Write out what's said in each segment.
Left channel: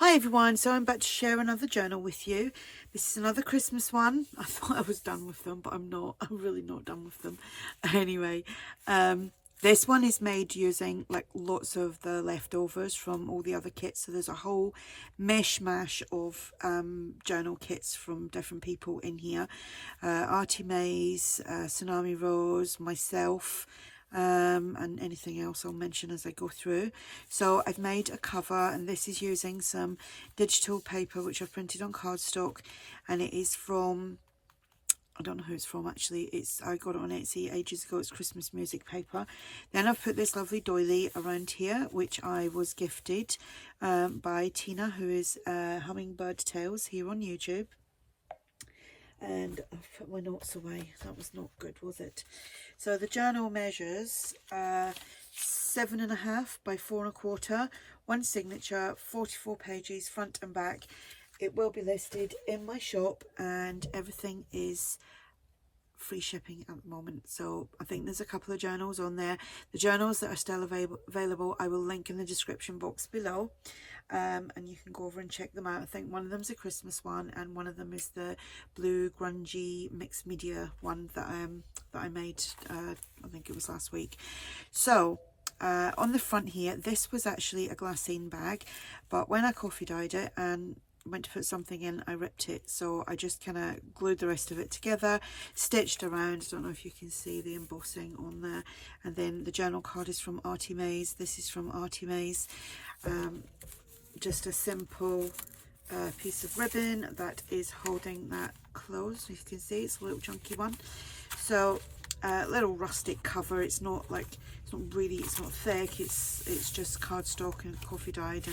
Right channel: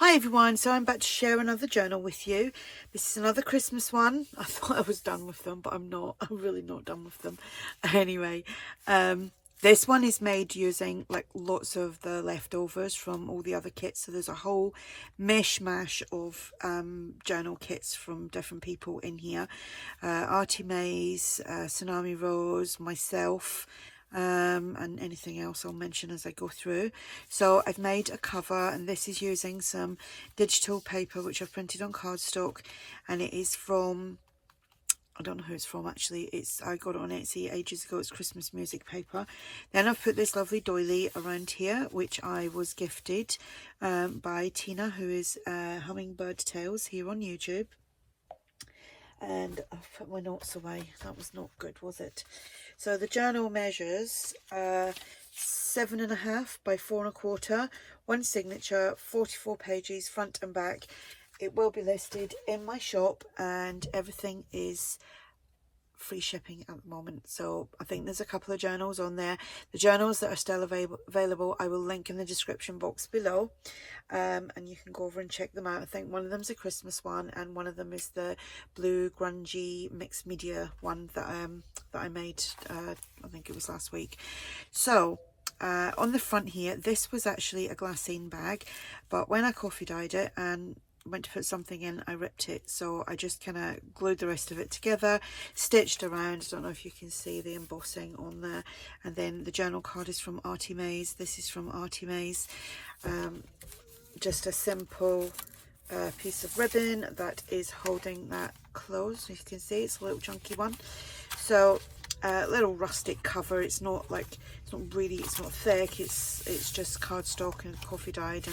Hi everyone, so I'm about to share another journal with you. This is another Christmas one. I thought I was done with them, but I'm not. I'm really not done with them. Anyway, this one is made using like lots of the leftovers from all the other kits. So there's a whole mishmash of journal kits from different people in here. ARTYmaze, Tsumani Rose, myself, and anything else I'll mention as I go through. So I've made a cover, and this is using some digital paper which I've printed on cardstock, and it is from, I don't know who it's from actually. I got it on Etsy ages ago. It's Christmas music paper. Then I've put this lovely doily around here, which I was gifted by Tina, who is Hummingbird Tales here on YouTube. And I've put my notes away. That was not good, was it? So the journal measures 7.5 by 4.25, one signature, 44 pages front and back. It will be listed in my shop, and everything is free shipping at the moment. So I think there's a couple of journals on there. The journals that are still available I will link in the description box below, and you can go over and check them out. I think one of them's a Christmas one, and one of them is the blue grungy mixed media one that I made I think it was last week. So on the front here, this was actually a glassine bag, but when I coffee dyed it and went to put something in, I ripped it, so I just kind of glued the rest of it together, stitched around. I don't know if you can see the embossing on there. And then the journal card is from ARTYmaze. This is from ARTYmaze. Just a simple piece of ribbon that is holding that closed. You can see it's a little chunky one. So a little rustic cover. It's not thick, it's just cardstock and coffee dyed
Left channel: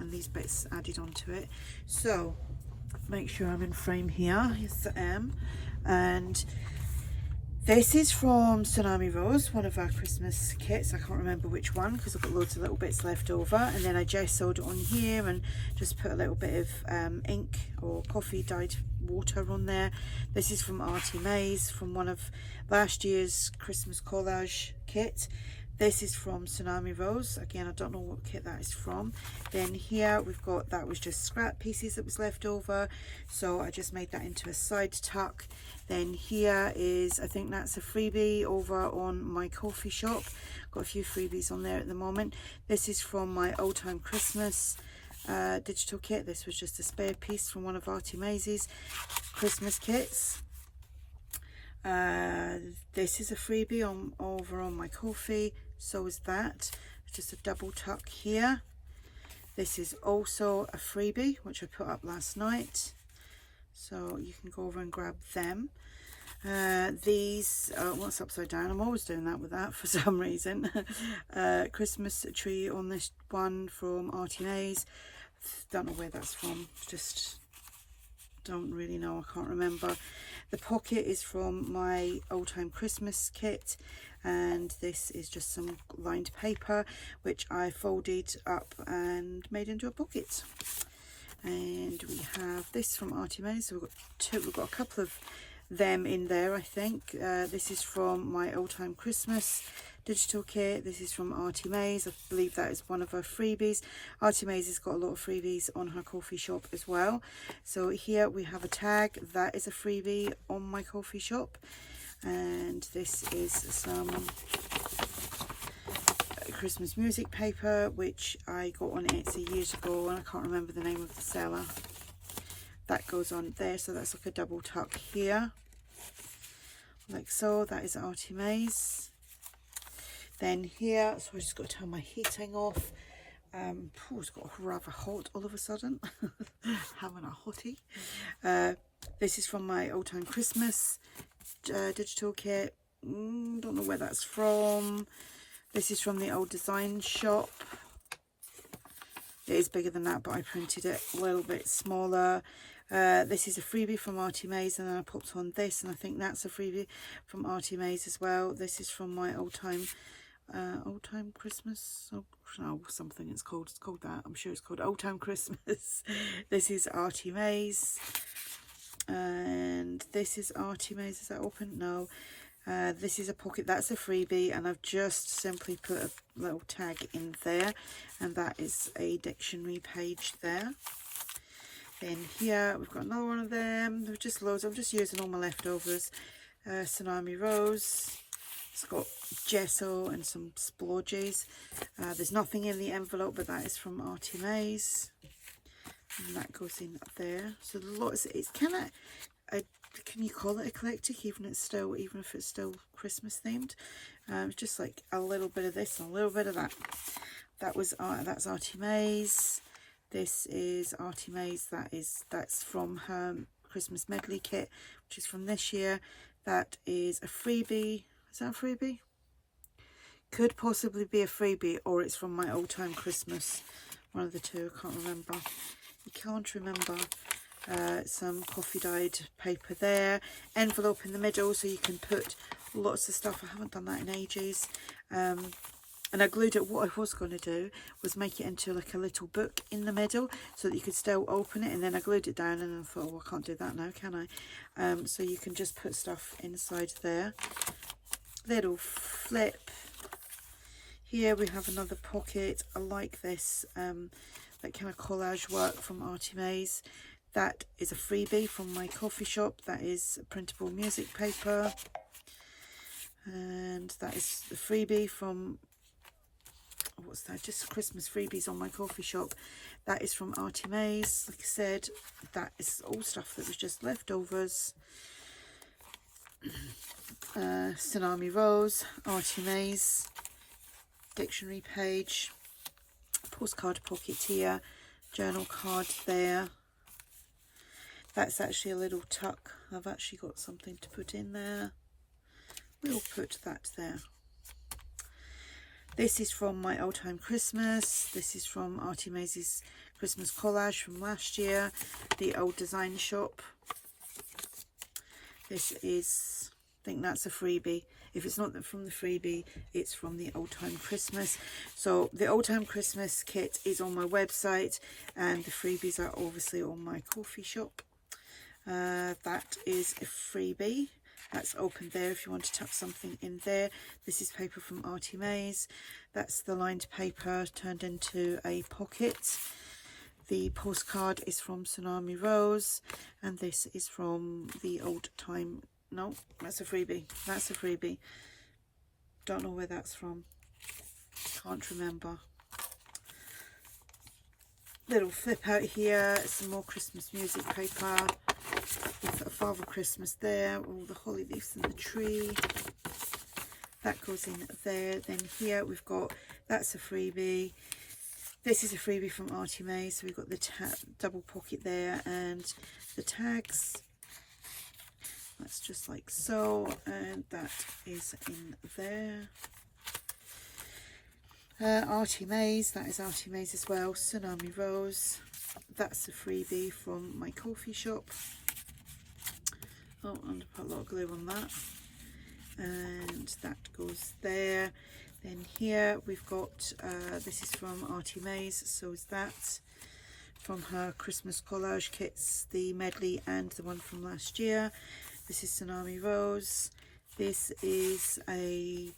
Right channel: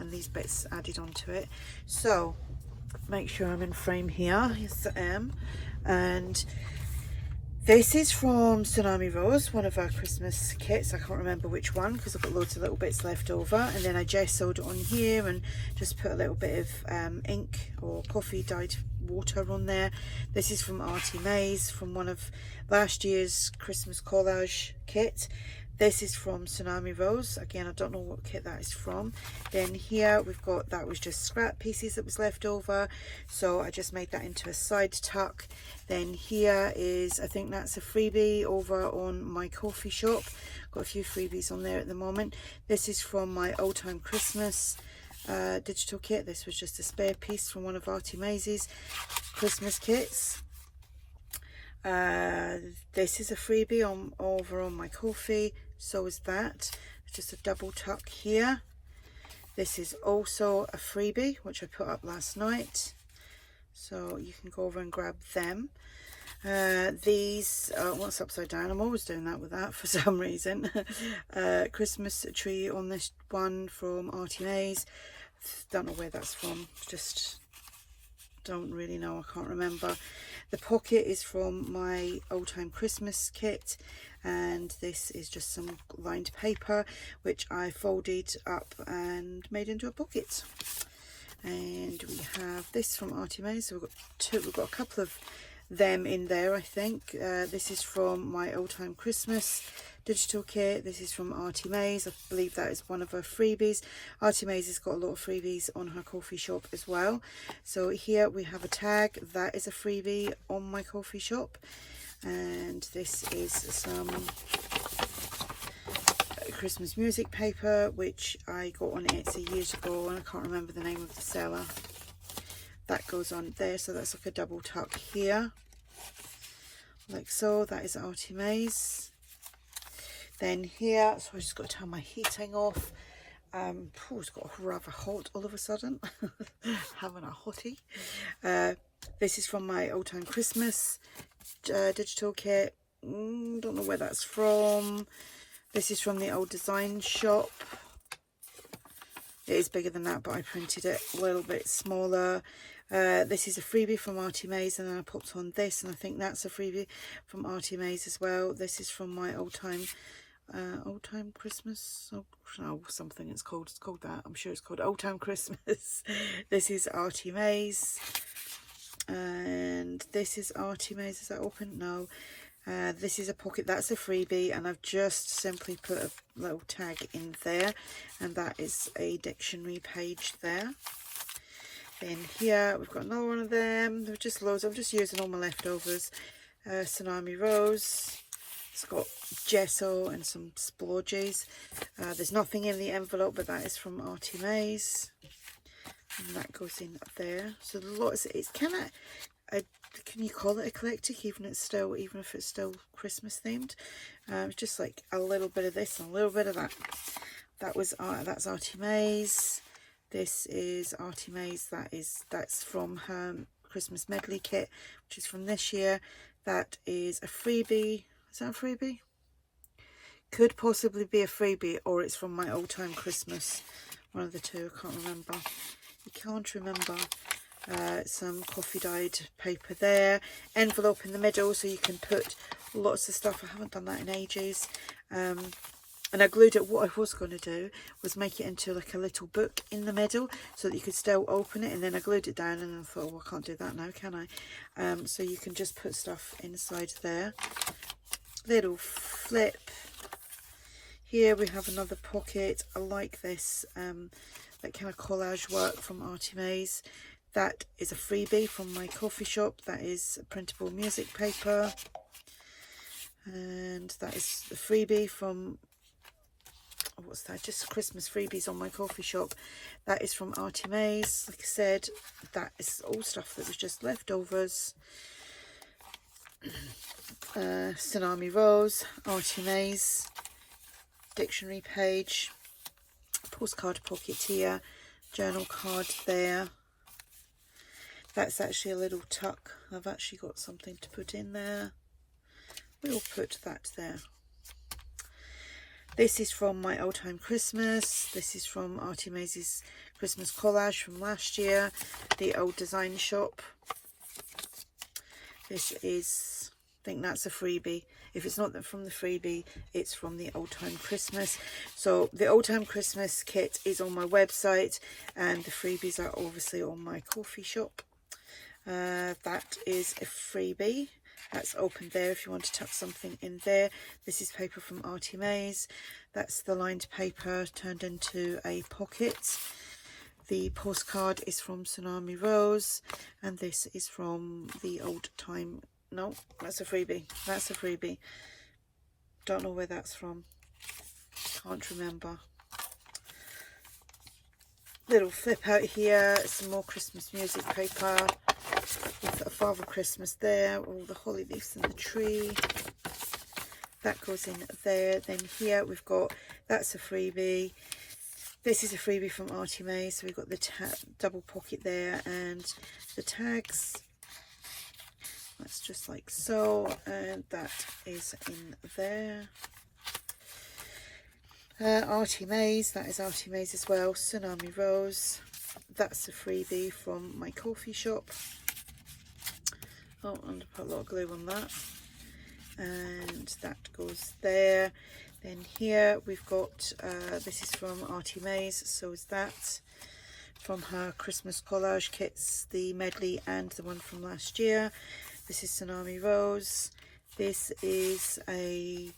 and these bits added onto it. So make sure I'm in frame here. Yes, I am. And this is from Tsunami Rose, one of our Christmas kits. I can't remember which one because I've got loads of little bits left over. And then I gessoed it on here and just put a little bit of ink or coffee dyed water on there. This is from ARTYmaze, from one of last year's Christmas collage kit. This is from Tsunami Rose. Again, I don't know what kit that is from. Then here we've got, that was just scrap pieces that was left over, so I just made that into a side tuck. Then here is, I think that's a freebie over on my coffee shop. Got a few freebies on there at the moment. This is from my old time Christmas digital kit. This was just a spare piece from one of ARTYmaze's Christmas kits. This is a freebie over on my coffee, so is that. Just a double tuck here. This is also a freebie which I put up last night, so you can go over and grab them. These what's upside down, I'm always doing that with that for some reason. Christmas tree on this one from ARTYmaze. Don't know where that's from, just don't really know, I can't remember. The pocket is from my old time Christmas kit, and this is just some lined paper which I folded up and made into a pocket. And we have this from ARTYmaze. So we've got a couple of them in there, I think. This is from my old time Christmas digital kit. This is from ARTYmaze. I believe that is one of her freebies. ARTYmaze has got a lot of freebies on her coffee shop as well. So here we have a tag that is a freebie on my coffee shop, and this is some Christmas music paper which I got on Etsy years ago, and I can't remember the name of the seller. That goes on there, so that's like a double tuck here, like so. That is ARTYmaze. Then here, so I just got to turn my heating off. It's got rather hot all of a sudden. Having a hottie. This is from my old time Christmas digital kit. Don't know where that's from. This is from the old design shop. It is bigger than that, but I printed it a little bit smaller. This is a freebie from ARTYmaze, and then I popped on this, and I think that's a freebie from ARTYmaze as well. This is from my old time Christmas, something it's called that, I'm sure it's called Old Time Christmas. This is ARTYmaze, and this is ARTYmaze. Is that open? No. This is a pocket, that's a freebie, and I've just simply put a little tag in there, and that is a dictionary page there. Then here we've got another one of them. There are just loads. I'm just using all my leftovers. Tsumani Rose. It's got gesso and some splodges. There's nothing in the envelope, but that is from ARTYmaze, and that goes in up there. So the lots. It's kind of, can you call it eclectic, even if it's still Christmas themed? Just like a little bit of this and a little bit of that. That's ARTYmaze. This is ARTYmaze. That's from her Christmas medley kit, which is from this year. That is a freebie. Is that a freebie? Could possibly be a freebie, or it's from my old time Christmas. One of the two. I can't remember. You can't remember. Some coffee dyed paper there. Envelope in the middle, so you can put lots of stuff. I haven't done that in ages. And I glued it. What I was going to do was make it into like a little book in the middle, so that you could still open it. And then I glued it down, and I thought, well, I can't do that now, can I? So you can just put stuff inside there. Little flip. Here we have another pocket. I like this, like kind of collage work from ARTYmaze. That is a freebie from my coffee shop. That is printable music paper. And that is the freebie from, what's that? Just Christmas freebies on my coffee shop. That is from ARTYmaze. Like I said, that is all stuff that was just leftovers. Tsunami Rose, ARTYmaze, dictionary page, postcard pocket here, journal card there. That's actually a little tuck. I've actually got something to put in there. We'll put that there. This is from my old time Christmas. This is from ARTYmaze's Christmas collage from last year, the old design shop. This is, I think that's a freebie. If it's not from the freebie, it's from the old time Christmas. So the old time Christmas kit is on my website, and the freebies are obviously on my coffee shop. That is a freebie. That's open there if you want to tuck something in there. This is paper from ARTYmaze. That's the lined paper turned into a pocket. The postcard is from Tsunami Rose, and this is from the old time. No, that's a freebie. That's a freebie. Don't know where that's from. Can't remember. Little flip out here. Some more Christmas music paper. With a Father Christmas there. All the holly leaves in the tree. That goes in there. Then here we've got, that's a freebie. This is a freebie from ARTYmaze. So we've got the double pocket there and the tags. That's just like so, and that is in there. ARTYmaze, that is ARTYmaze as well. Tsunami Rose, that's a freebie from my coffee shop. Oh, and I put a lot of glue on that. And that goes there. Then here we've got, this is from ARTYmaze, so is that. From her Christmas collage kits, the medley and the one from last year. This is Tsunami Rose. This is a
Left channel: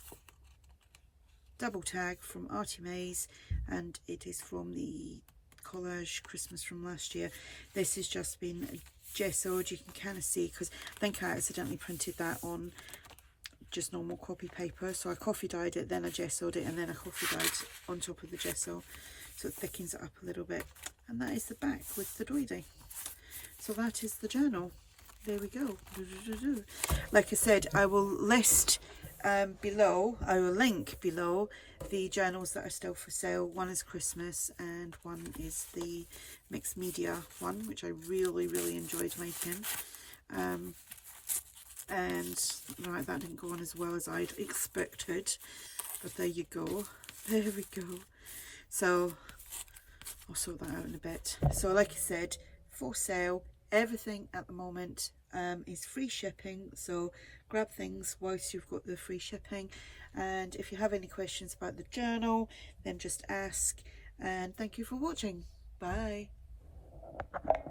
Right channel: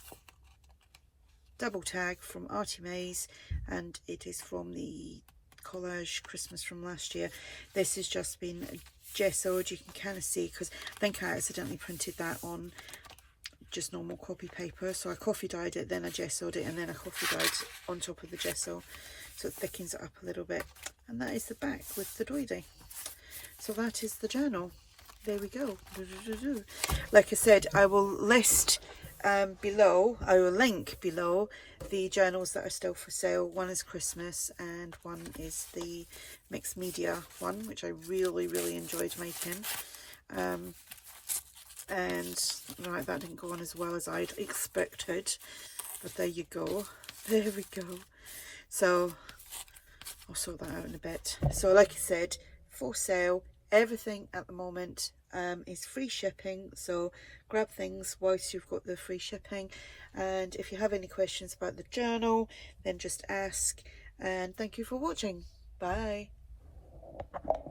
double tag from ARTYmaze, and it is from the collage Christmas from last year. This has just been gessoed. You can kind of see, because I think I accidentally printed that on just normal copy paper. So I coffee dyed it, then I gessoed it, and then I coffee dyed on top of the gesso. So it thickens it up a little bit. And that is the back with the doily. So that is the journal. There we go. Like I said, I will list below, I will link below the journals that are still for sale. One is Christmas and one is the mixed media one, which I really enjoyed making. And right, that didn't go on as well as I'd expected, but there you go. There we go. So I'll sort that out in a bit. So like I said, for sale, everything at the moment is free shipping, so grab things whilst you've got the free shipping. And if you have any questions about the journal, then just ask. And thank you for watching. Bye.